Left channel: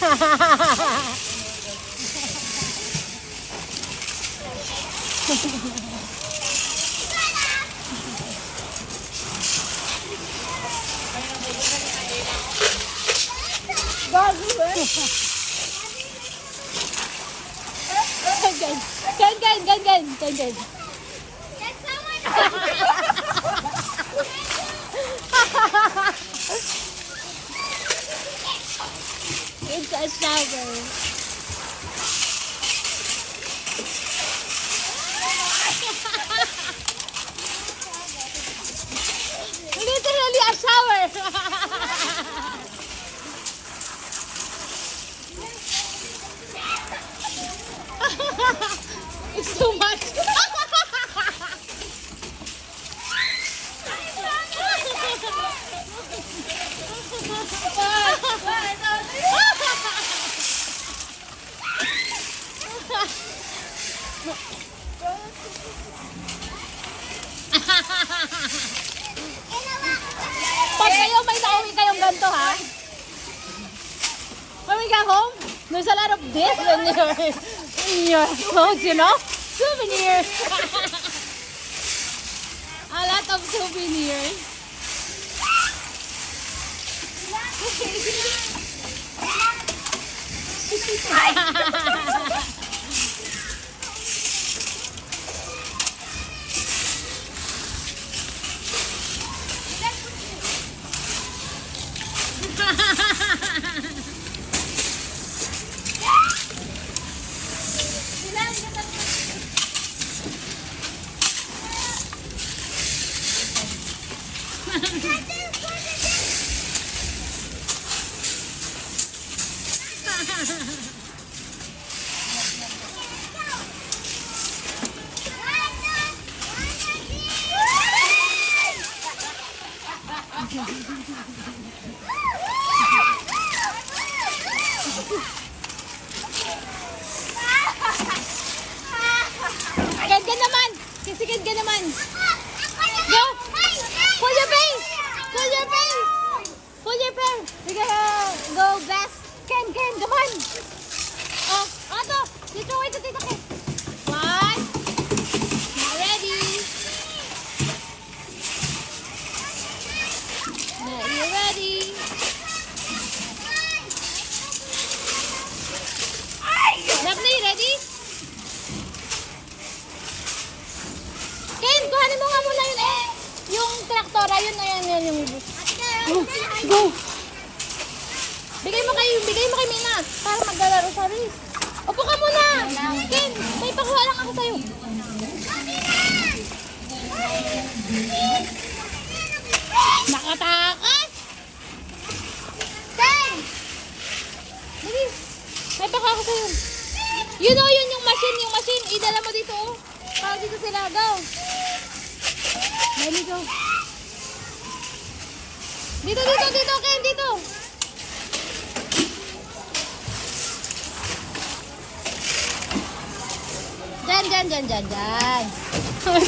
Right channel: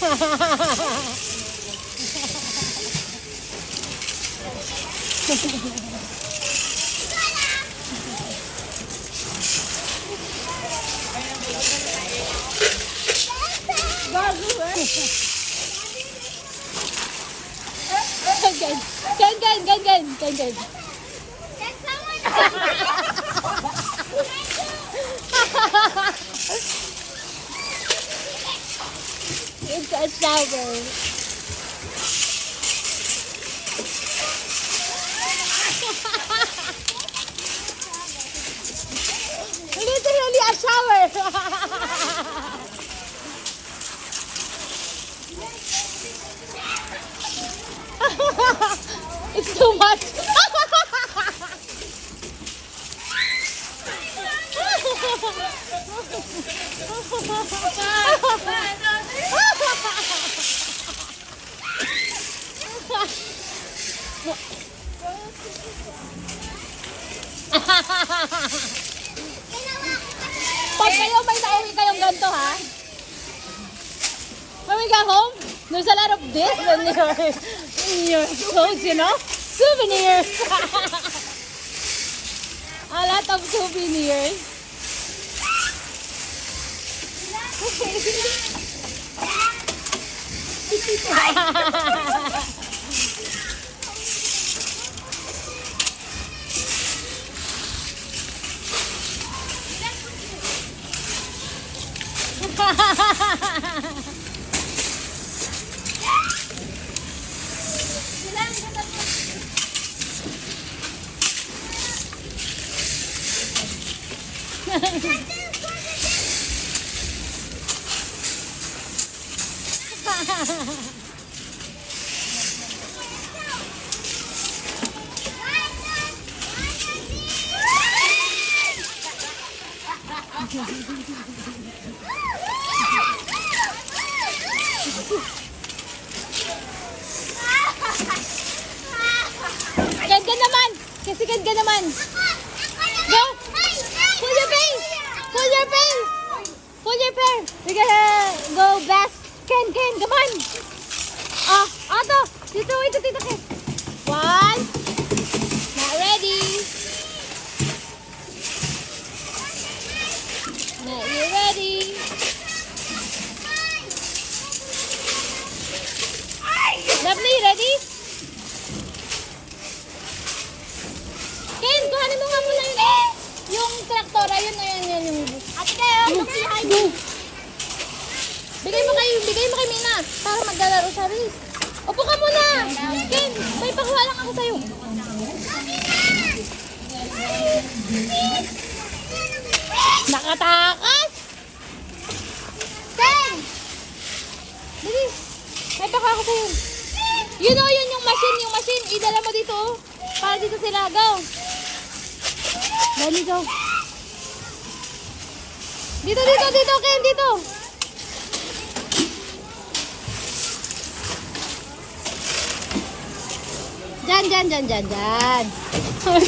Gan. It's a shower. Literally a shower. It's too much. Pag kayo may nauwi kayong ganito, ha? When we get home, there's a lot of this in your clothes, you know? Souvenirs. A lot of souvenirs. Ganda naman! Kasi ganda naman! Go! Pull your face! Pull your face! Pull your face! We're gonna go best! Ken, come on! Oh, Otto! Dito, Ken! One! Not ready! Not you ready! Lovely, ready? Ken, kuhanin mo nga muna yung traktora, yun yung bus. Go! Bigay mo kay Mina para maglalaro sa rin. Upo ka muna! Ken, may pakuha lang ako sa'yo. Nakatakas! Ken! Bilis! May pakuha ako sa'yo. You know, yun yung machine. Idala mo dito. Para dito sila. Go! Dali, go. Dito, Ken, dito. Diyan. 1, 2, 3.